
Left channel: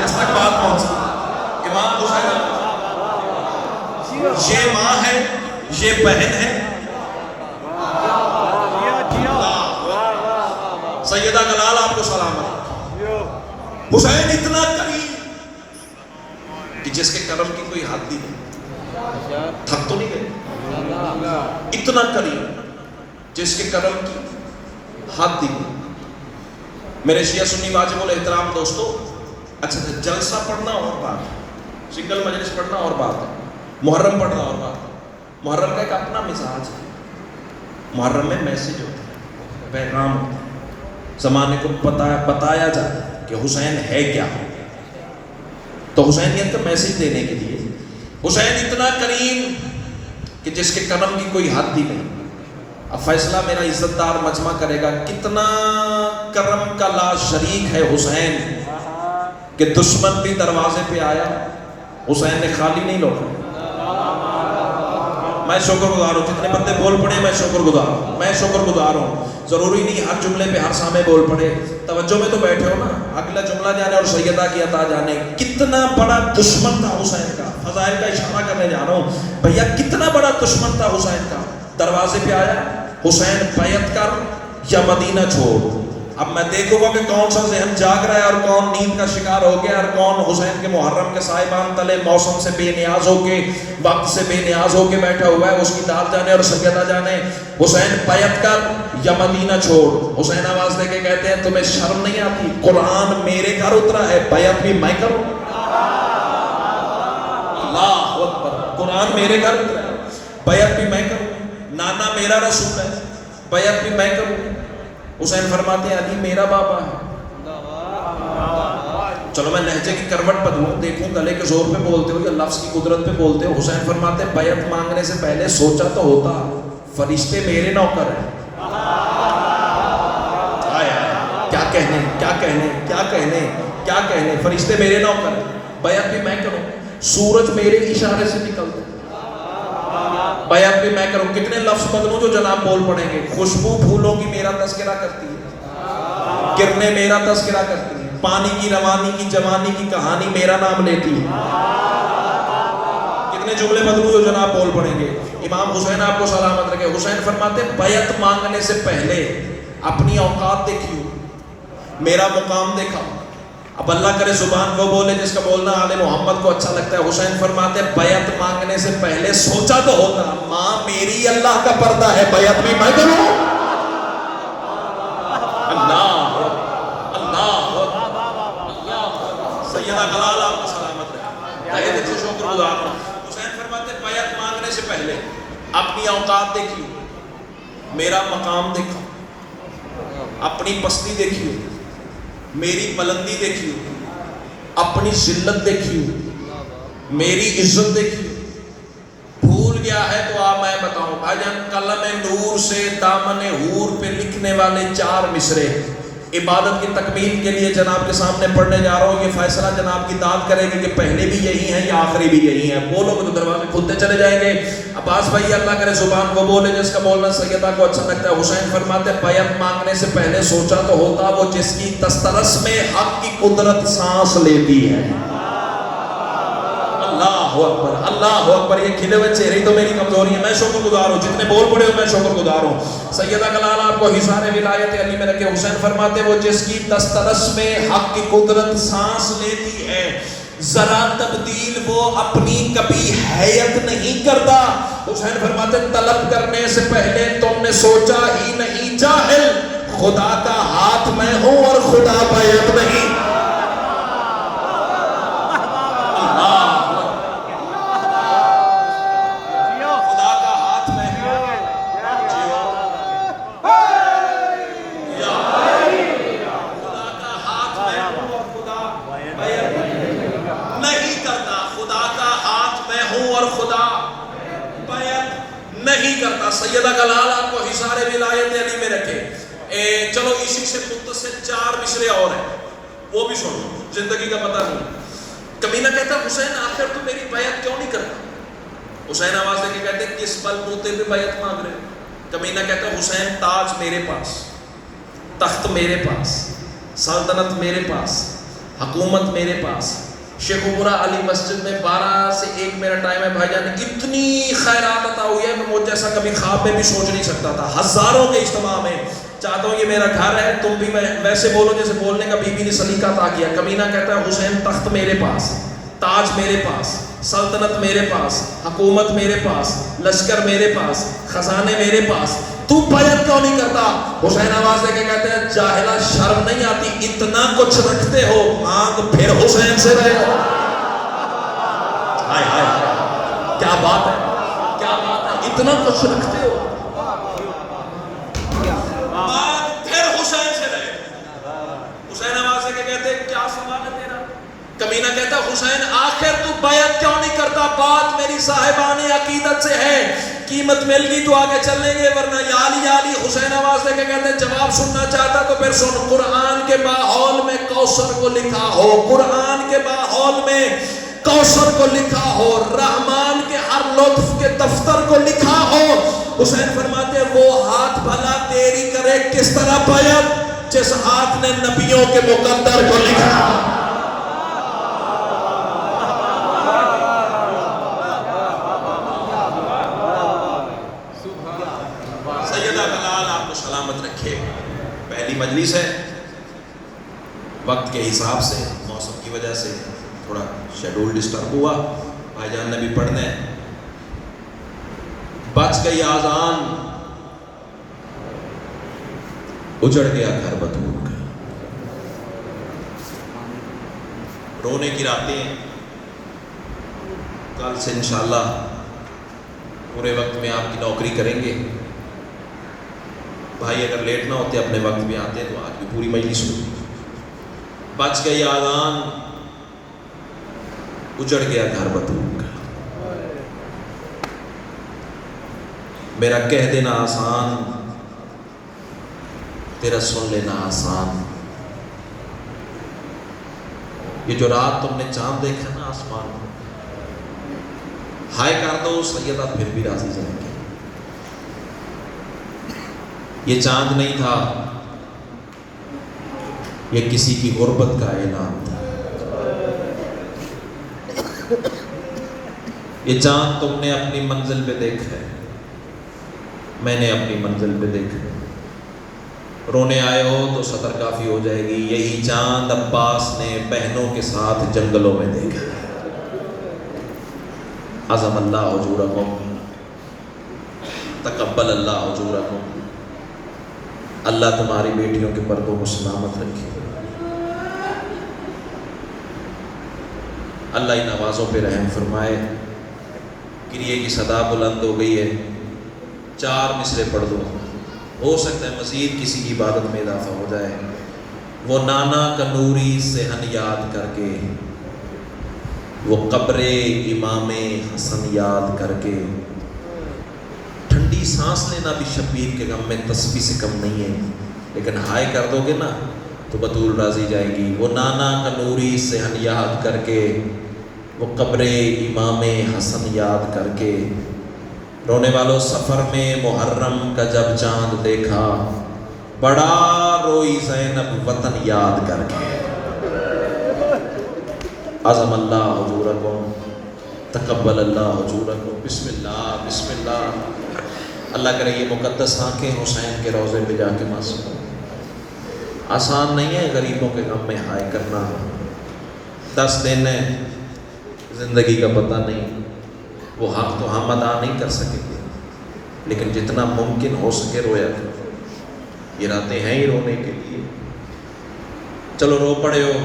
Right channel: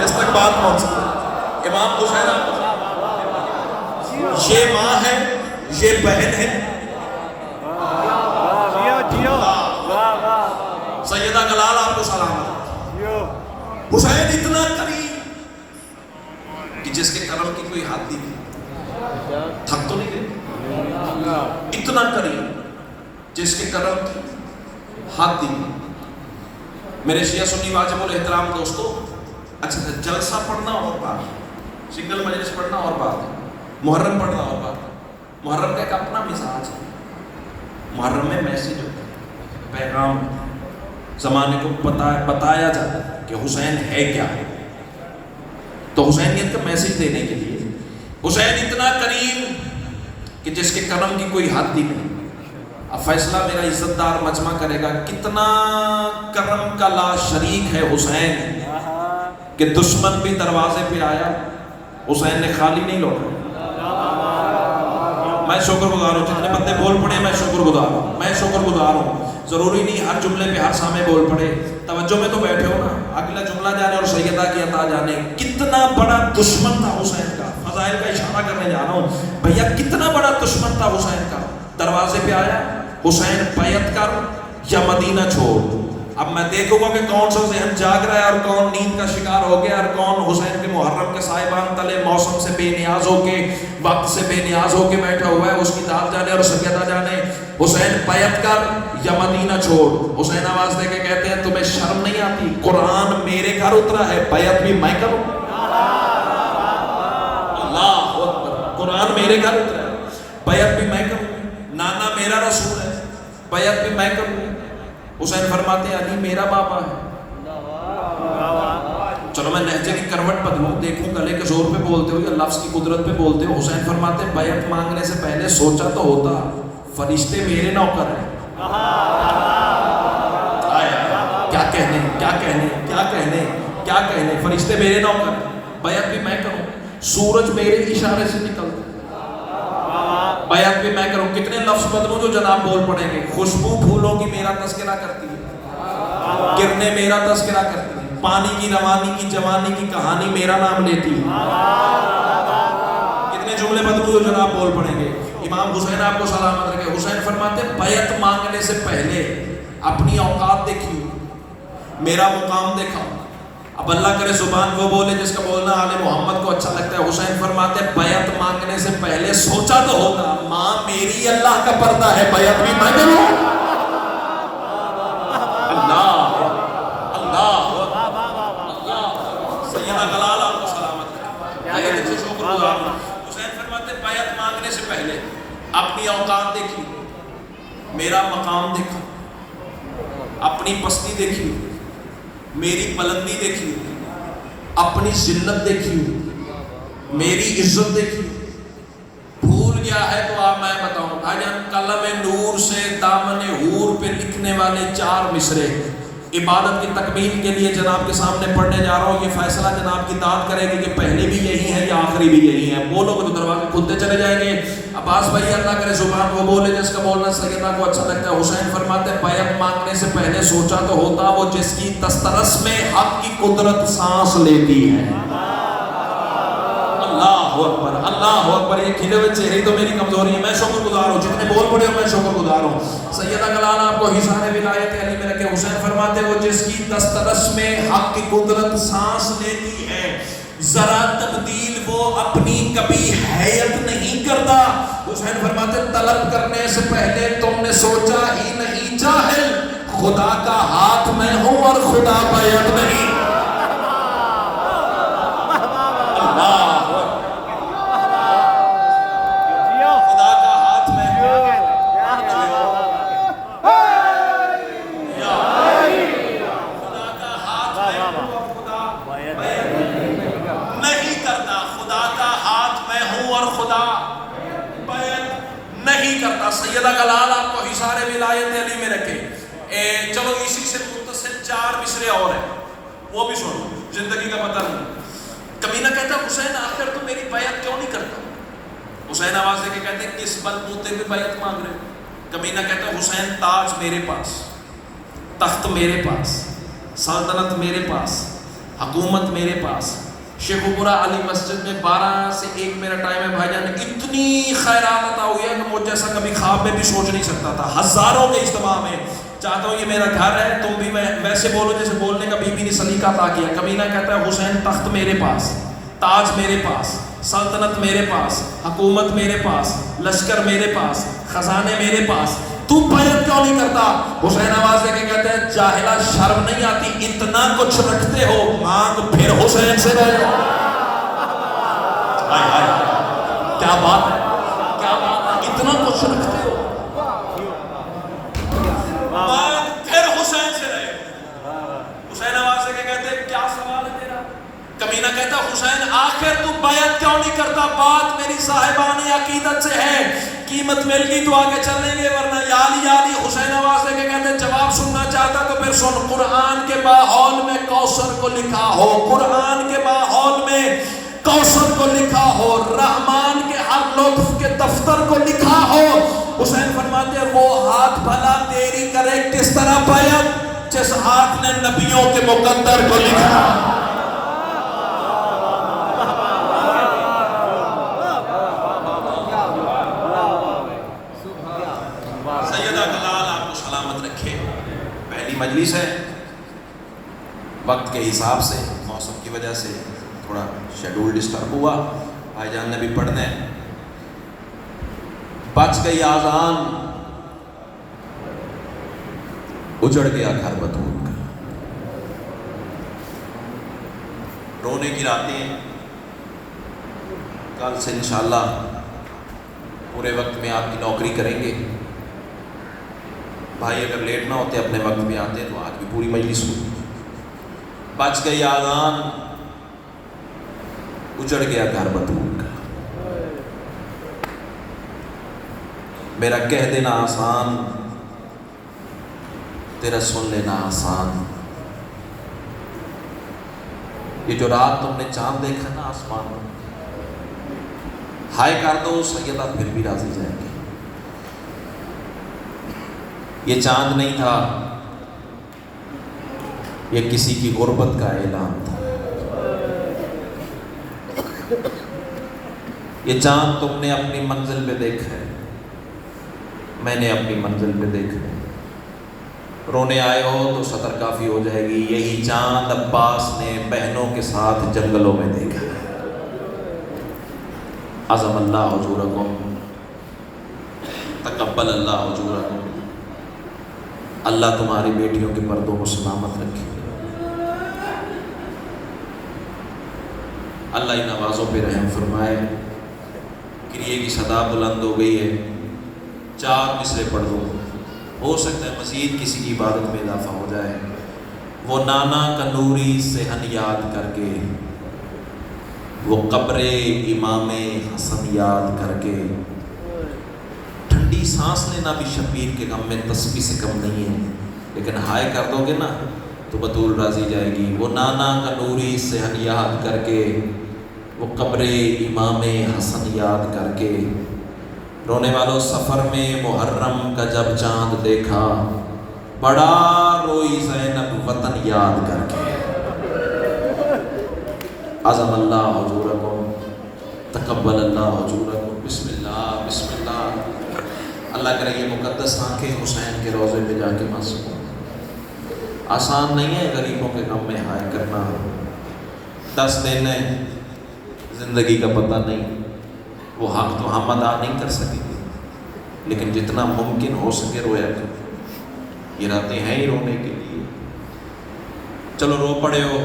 جس تک بات پہنچی امام حسین، یہ ماں ہے، یہ بہن ہے۔ سیدہ گلال آپ کو سلام۔ حسین اتنا قریب کہ جس کے کرم کی کوئی حد نہیں، تھک تو نہیں گئے، اتنا قریب جس کے کرم کی حد نہیں۔ میرے شیعہ سنی واجب الاحترام دوستو، اچھا جلسہ پڑھنا اور بات ہے، سنگل مجلس پڑھنا اور بات ہے، محرم پڑھنا اور بات ہے۔ محرم کا ایک اپنا مزاج ہے، محرم میں میسج ہوتا ہے، پیغام ہوتا ہے، زمانے کو بتایا جاتا ہے کہ حسین ہے کیا ہے۔ تو حسینیت کا میسج دینے کے لیے حسین اتنا کریم کہ جس کے کرم کی کوئی حد ہی نہیں۔ اب فیصلہ میرا عزت دار مجمع کرے گا، کتنا کرم کا لا شریک ہے حسین کہ دشمن بھی دروازے پہ آیا، حسین نے خالی نہیں لوٹا۔ میں شکر گزار ہوں، جتنے بندے بول پڑے میں شکر گزار ہوں، میں شکر گزار ہوں۔ ضروری نہیں ہر جملے پہ ہر سامنے بول پڑے، توجہ میں تو بیٹھے ہو نا، اگلا جملہ جانے اور سیدہ کی عطا جانے۔ کتنا بڑا دشمن تھا حسین کا، فضائل کا اشارہ کرنے جا رہا ہوں بھیا، کتنا بڑا دشمن تھا حسین کا۔ دروازے پہ آیا، حسین بیعت کر یا مدینہ چھوڑ۔ اب میں دیکھوں گا کہ کون سا ذہن جاگ رہا ہے اور کون نیند کا شکار ہو گیا، اور کون حسین کے محرم کے سائبان تلے موسم سے بے نیاز ہو کے، وقت سے بے نیاز ہو کے بیٹھا ہوا ہے۔ اس کی داد جانے اور سیدہ جانے۔ حسین بیعت کر یا مدینہ چھوڑ۔ حسین آواز دے کے کہتے ہیں تمہیں شرم نہیں آتی؟ قرآن میرے گھر اترا ہے، بیعت بھی میں کروں۔ اللہ اکبر، قرآن میرے گھر اترا ہے، بیعت بھی میں کروں۔ نانا میرا رسول ہے، بیعت بھی میں کروں۔ حسین فرماتے ہیں علی میرا بابا ہے۔ چلو میں لہجے کی کروٹ بدلوں، دیکھوں گلے کے زور پہ بولتے ہو یا لفظ کی قدرت پہ بولتے ہو۔ حسین فرماتے ہیں بیعت مانگنے سے پہلے سوچا تو ہوتا، فرشتے میرے نوکر ہیں۔ کیا کہنے، کیا کہنے، کیا کہنے، کیا کہنے، فرشتے میرے نوکر ہیں، بیعت بھی میں کروں۔ سورج میرے اشارے سے نکلتا، بیعت بھی میں کروں۔ کتنے لفظ بدلوں جو جناب بول پڑیں گے۔ خوشبو پھولوں کی میرا تذکرہ کرتی ہے، گرنے میرا تذکرہ کرتی ہے، پانی کی روانی کی جوانی کی کہانی میرا نام لیتی ہے۔ کتنے جملے بدلوں جو جناب بول پڑیں گے۔ امام حسین آپ کو سلامت رکھے، حسین فرماتے ہیں بیعت مانگنے سے پہلے اپنی اوقات دیکھیو، میرا مقام دیکھا۔ اب اللہ کرے زبان وہ بولے جس کا بولنا آل محمد کو اچھا لگتا ہے۔ حسین فرماتے ہیں بیعت مانگنے سے پہلے سوچا تو ہوگا، ماں میری اللہ کا پردہ ہے، بیعت بھی میں کروں۔ اللہ اللہ اللہ، سیدہ گلال آپ کو سلامت ہے، شکر گزار ہوں۔ حسین فرماتے ہیں بیعت مانگنے سے پہلے اپنی اوقات دیکھی، میرا مقام دیکھا، اپنی پستی دیکھی، میری بلندی دیکھی، اپنی ذلت دیکھی، میری عزت دیکھی۔ بھول گیا ہے تو آپ میں بتاؤں بھائی جان، قلم نور سے دامن حور پہ لکھنے والے 4 مصرے، عبادت کی تکمیل کے لیے جناب کے سامنے پڑھنے جا رہا ہوں. یہ فیصلہ جناب کی داد کرے گی کہ پہلے بھی یہی ہے یا آخری بھی یہی ہے. بولو کہ دروازے کھلتے چلے جائیں گے. عباس بھائی اللہ کرے زبان کو بولے جس کا بولنا سیدہ کو اچھا لگتا ہے. حسین فرماتے بیعت مانگنے سے پہلے سوچا تو ہوتا وہ جس کی تسترس میں حق کی قدرت سانس لیتی ہے. اللہ اکبر اللہ اکبر. یہ کھلے ہوئے چہرے تو میری کمزوری ہے. میں شکر گزار ہوں. جتنے بول پڑے ہو میں شکر گزار ہوں. سیدہ کلال آپ کو حصار ولایت علی میں رکھے. حسین فرماتے وہ جس کی تسترس میں حق کی قدرت سانس لیتی ہے ذرا تبدیل وہ اپنی کبھی حیت نہیں کرتا. حسین فرماتے طلب کرنے سے پہلے تم نے سوچا ہی نہیں جاہل خدا کا ہاتھ میں ہوں اور خدا بیعت نہیں. سیدہ کلال آپ کو حصار ولایت علی میں رکھے. چلو اسی سے متصل 4 مصرے اور ہیں وہ بھی سنو. زندگی کا پتہ نہیں. کمینہ کہتا حسین آخر تو میری بیعت کیوں نہیں کرتا. حسین آواز دے کے کہتے کس بل بوتے پہ بیعت مانگ رہے. کمینہ کہتا حسین تاج میرے پاس, تخت میرے پاس, سلطنت میرے پاس, حکومت میرے پاس. شیخوپورہ علی مسجد میں 12 سے 1 میرا ٹائم ہے بھائی جان. اتنی خیرات عطا ہوئی ہے کہ مجھ جیسا کبھی خواب میں بھی سوچ نہیں سکتا تھا. ہزاروں کے اجتماع میں چاہتا ہوں یہ میرا گھر ہے, تم بھی ویسے بولو جیسے بولنے کا بی بی نے سلیقہ عطا کیا. کمینہ کہتا ہے حسین تخت میرے پاس, تاج میرے پاس, سلطنت میرے پاس, حکومت میرے پاس, لشکر میرے پاس, خزانے میرے پاس, تو بیعت کیوں نہیں کرتا. حسین آواز دے کے کہتے ہیں جاہلہ شرم نہیں آتی, اتنا کچھ رکھتے ہو مانگ پھر حسین سے رہے ہو. ہائے ہائے کیا بات ہے, کیا بات ہے. اتنا کچھ رکھتے ہو مانگ پھر حسین سے رہے. حسین آواز دے کے کہتے ہیں کیا سوال ہے تیرا. کمینہ کہتا حسین آخر تو بیعت کیوں نہیں کرتا. بات میری صاحبان عقیدت سے ہے, قیمت مل گئی تو آگے چل لیں گے ورنہ یالی یالی. حسین آواز دے کے کہتے ہیں جواب سننا چاہتا تو پھر سن. قرآن کے باحول میں کوثر کو لکھا ہو, قرآن کے باحول میں کوثر کو لکھا ہو, رحمان کے ہر لطف کے دفتر کو لکھا ہو. حسین فرماتے وہ ہاتھ بھلا تیری کرے کس طرح بیعت جس ہاتھ نے نبیوں کے مقدر کو لکھا. مجلس ہے وقت کے حساب سے موسم کی وجہ سے تھوڑا شیڈول ڈسٹرب ہوا. بھائی جان نے بھی پڑھنا ہے. بچ گئی آذان اجڑ گیا گھر بطور. رونے کی راتیں. کل سے انشاءاللہ پورے وقت میں آپ کی نوکری کریں گے. بھائی اگر لیٹ نہ ہوتے اپنے وقت میں آتے تو آپ کی پوری مجلس ہوتی. بچ گئی آذان اجڑ گیا گھر بطور. میرا کہہ دینا آسان تیرا سن لینا آسان. یہ جو رات تم نے چاند دیکھا نا آسمان, ہائے کر دو سیدہ پھر بھی راضی جائیں گے. یہ چاند نہیں تھا, یہ کسی کی غربت کا اعلان تھا. یہ چاند تم نے اپنی منزل پہ دیکھا ہے, میں نے اپنی منزل پہ دیکھا. رونے آئے ہو تو سطر کافی ہو جائے گی. یہی چاند عباس نے بہنوں کے ساتھ جنگلوں میں دیکھا. عظم اللہ اجورکم, تقبل اللہ اجورکم. اللہ تمہاری بیٹیوں کے پردوں کو سلامت رکھے. اللہ ان آوازوں پہ رحم فرمائے. کریے کی صدا بلند ہو گئی ہے, 4 مصرے پڑھ دو, ہو سکتا ہے مزید کسی کی عبادت میں اضافہ ہو جائے. وہ نانا کنوری صحن یاد کر کے, وہ قبر امام حسن یاد کر کے. ٹھنڈی سانس لینا بھی شبیر کے غم میں تسبیح سے کم نہیں ہے, لیکن ہائے کر دو گے نا تو بطول راضی جائے گی۔ وہ نانا کا نوری صحن یاد کر کے، وہ قبر امام حسن یاد کر کے، رونے والوں سفر میں محرم کا جب چاند دیکھا، بڑا روئی زینب وطن یاد کر کے۔ عظم اللہ حضورکم، تقبل اللہ حضورکم، بسم اللہ بسم اللہ۔ اللہ کرے یہ مقدس آنکھیں حسین کے روضے پہ جا کے معصوم۔ آسان نہیں ہے غریبوں کے غم میں ہائے کرنا، 10 دن ہے، زندگی کا پتہ نہیں، وہ حق تو ہم ادا نہیں کر سکیں گے، لیکن جتنا ممکن ہو سکے رویا کرو۔ یہ راتیں ہیں ہی رونے کے لیے۔ چلو رو پڑے ہو،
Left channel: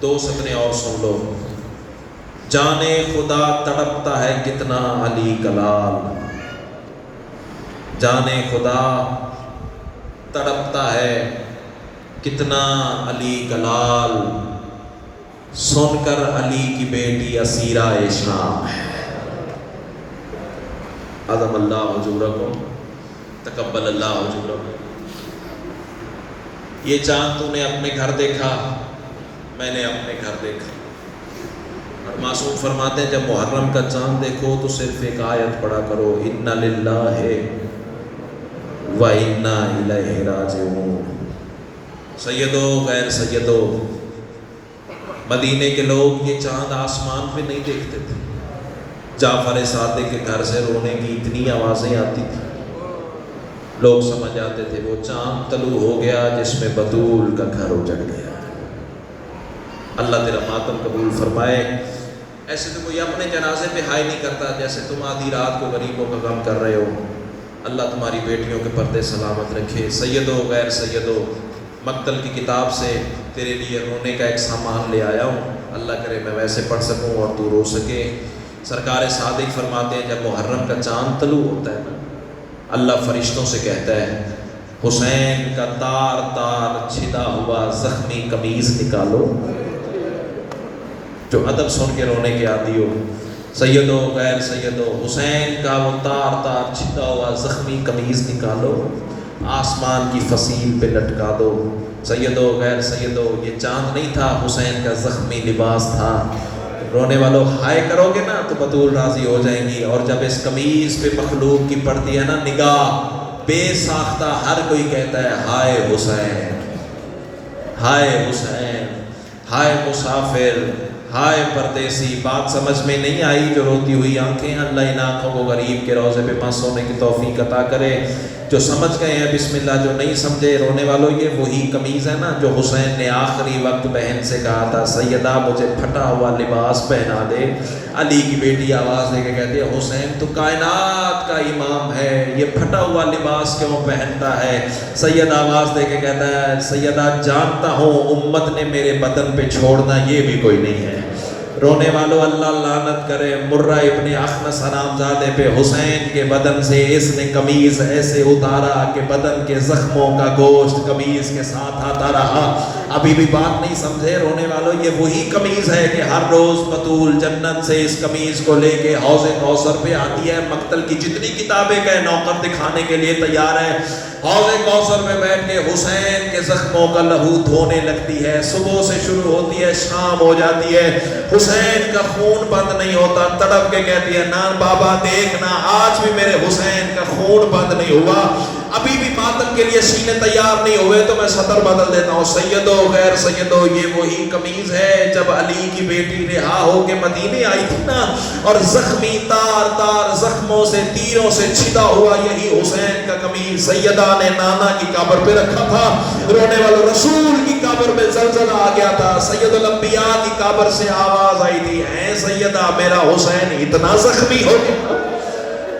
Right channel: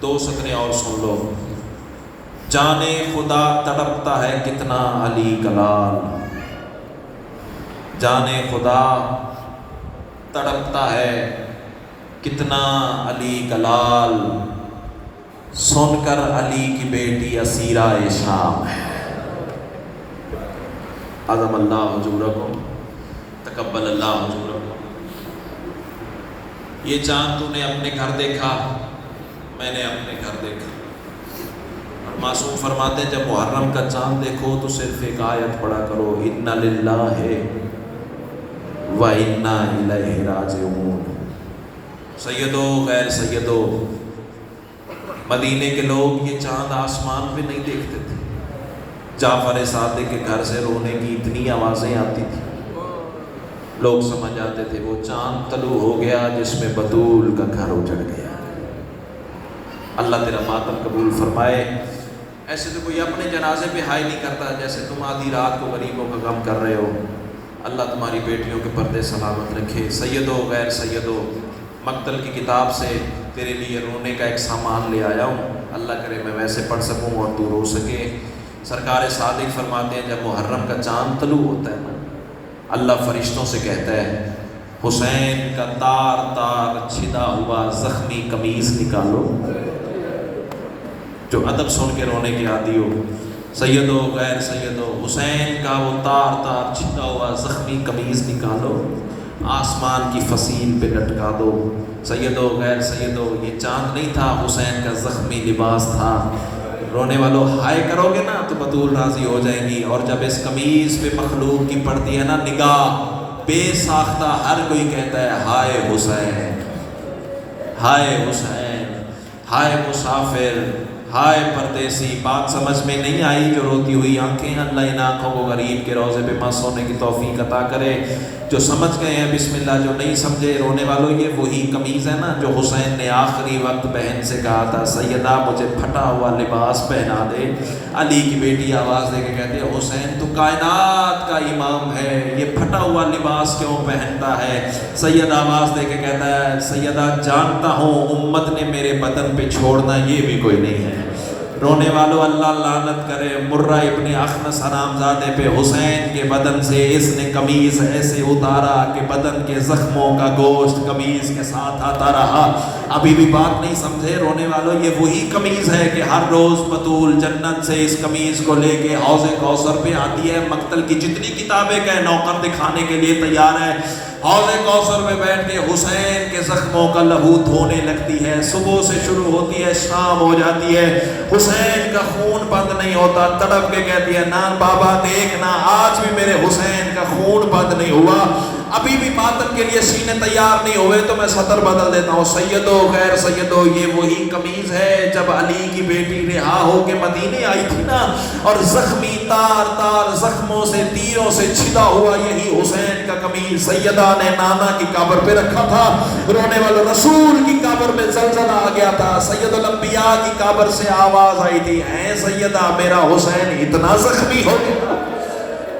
2 سطریں اور سن لو۔ جانے خدا تڑپتا ہے کتنا علی کلال، جانے خدا تڑپتا ہے کتنا علی کلال، سن کر علی کی بیٹی اسیرہ شام ہے۔ عظم اللہ حضورکم، تقبل اللہ حضورکم۔ یہ چاند تو نے اپنے گھر دیکھا، میں نے اپنے گھر دیکھا۔ معصوم فرماتے ہیں جب محرم کا چاند دیکھو تو صرف ایک آیت پڑھا کرو، اِنَّ لِلَّهِ وَإِنَّا إِلَيْهِ رَاجِعُونَ۔ سیدو غیر سیدو، مدینے کے لوگ یہ چاند آسمان پہ نہیں دیکھتے تھے۔ جعفر صادق کے گھر سے رونے کی اتنی آوازیں آتی تھی، لوگ سمجھ جاتے تھے وہ چاند طلوع ہو گیا جس میں بطول کا گھر اجڑ گیا۔ اللہ تیرا ماتم قبول فرمائے۔ ایسے تو کوئی اپنے جنازے پہ ہائے نہیں کرتا جیسے تم آدھی رات کو غریبوں کا غم کر رہے ہو۔ اللہ تمہاری بیٹیوں کے پردے سلامت رکھے۔ سیدو غیر سیدو، مقتل کی کتاب سے تیرے لیے رونے کا ایک سامان لے آیا ہوں، اللہ کرے میں ویسے پڑھ سکوں اور تو رو سکے۔ سرکار صادق فرماتے ہیں جب محرم کا چاند طلوع ہوتا ہے نا، اللہ فرشتوں سے کہتا ہے حسین کا تار تار چھدا ہوا زخمی قمیض نکالو۔ جو ادب سن کے رونے کے عادی ہو، سیدو غیر سیدو، حسین کا وہ تار تار چھدا ہوا زخمی قمیض نکالو، آسمان کی فصیل پہ لٹکا دو۔ سیدو غیر سیدو، یہ چاند نہیں تھا، حسین کا زخمی لباس تھا۔ رونے والوں ہائے کرو گے نا تو بطول راضی ہو جائیں گی۔ اور جب اس قمیض پہ مخلوق کی پڑتی ہے نا نگاہ، بے ساختہ ہر کوئی کہتا ہے ہائے حسین، ہائے حسین، ہائے مسافر، ہائے پردیسی۔ بات سمجھ میں نہیں آئی جو روتی ہوئی آنکھیں، اللہ ان آنکھوں کو غریب کے روضے پہ مست ہونے کی توفیق عطا کرے۔ جو سمجھ گئے ہیں بسم اللہ، جو نہیں سمجھے رونے والوں، یہ وہی قمیض ہے نا جو حسین نے آخری وقت بہن سے کہا تھا سیدہ مجھے پھٹا ہوا لباس پہنا دے۔ علی کی بیٹی آواز دے کے کہتے ہیں حسین تو کائنات کا امام ہے، یہ پھٹا ہوا لباس کیوں پہنتا ہے؟ سید آواز دے کے کہتا ہے سیدہ جانتا ہوں امت نے میرے بدن پہ چھوڑنا یہ بھی کوئی نہیں ہے۔ رونے والوں اللہ لعنت کرے مرہ ابن اخنس حرامزادے پہ، حسین کے بدن سے اس نے قمیض ایسے اتارا کہ بدن کے زخموں کا گوشت قمیض کے ساتھ آتا رہا۔ ابھی بھی بات نہیں سمجھے رونے والوں، یہ وہی قمیض ہے کہ ہر روز بطول جنت سے اس قمیض کو لے کے حوض کوثر پہ آتی ہے۔ مقتل کی جتنی کتابیں کہ نوکر دکھانے کے لیے تیار ہے، حوض کوثر میں بیٹھ کے حسین کے زخموں کا لہو دھونے لگتی ہے۔ صبح سے شروع ہوتی ہے، شام ہو جاتی ہے، حسین کا خون بند نہیں ہوتا۔ تڑپ کے کہتی ہے نان بابا دیکھنا آج بھی میرے حسین کا خون بند نہیں ہوا، ابھی بھی ماتم کے لیے سینے تیار نہیں ہوئے تو میں سطر بدل دیتا ہوں۔ سیدو غیر سیدو، یہ وہی قمیض ہے جب علی کی بیٹی رہا ہو کے مدینے آئی تھی نا، اور زخمی تار تار زخموں سے تیروں سے چھدا ہوا یہی حسین کا قمیض سیدہ نے نانا کی قبر پہ رکھا تھا۔ رونے والے رسول کی قبر میں زلزلہ آ گیا تھا، سید الانبیاء کی قبر سے آواز آئی تھی اے سیدہ میرا حسین اتنا زخمی ہو گیا،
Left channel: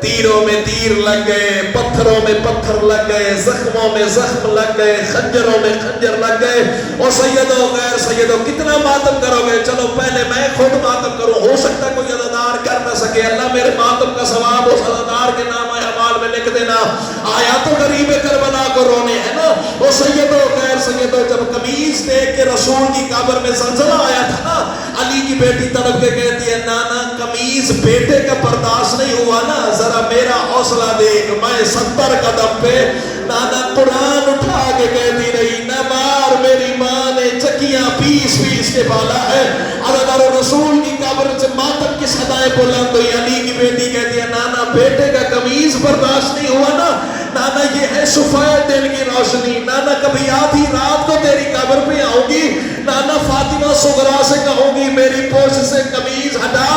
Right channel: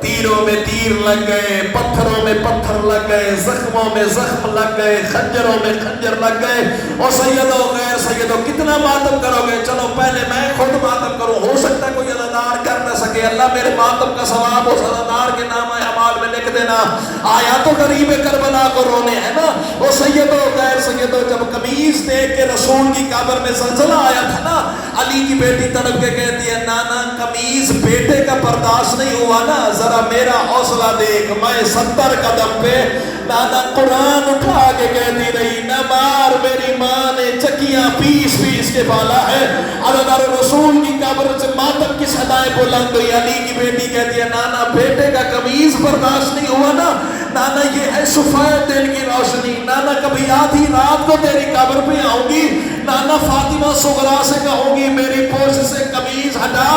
تیروں میں تیر لگ گئے، پتھروں میں پتھر لگ گئے، زخموں میں زخم لگ گئے، خنجروں میں خنجر لگ گئے۔ اور سیدو غیر سیدو کتنا ماتم کرو گے؟ چلو پہلے میں خود ماتم کروں، ہو سکتا کوئی عزادار کر نہ سکے، اللہ میرے ماتم کا ثواب اس عزادار کے نام اعمال میں لکھ دینا۔ آیا تو غریب کربلا کو رونے ہے نا۔ وہ سیدو غیر سیدو جب قمیض دیکھ کے رسول کی قبر میں زلزلہ آیا تھا نا، علی کی بیٹی تڑپ کے کہتی ہے نانا قمیض بیٹے کا برداشت نہیں ہوا نا، ذرا میرا حوصلہ دیکھ، میں 70 قدم پہ۔ نانا قرآن اٹھا کے کہتی رہی نہ مار میری ماں کے بالا ہے. عزیزان رسول کی قبر سے ماتم کی صدائیں بلند ہوئی. علی کی بیٹی کہتی ہے نانا بیٹے کا قمیض برداشت نہیں ہوا نا, نانا یہ ہے صفائے دل کی روشنی, نانا کبھی آدھی رات کو تیری قبر پہ آؤں گی, نانا فاطمہ صغرا سے کہوں گی میری پوش سے قمیض ہٹا,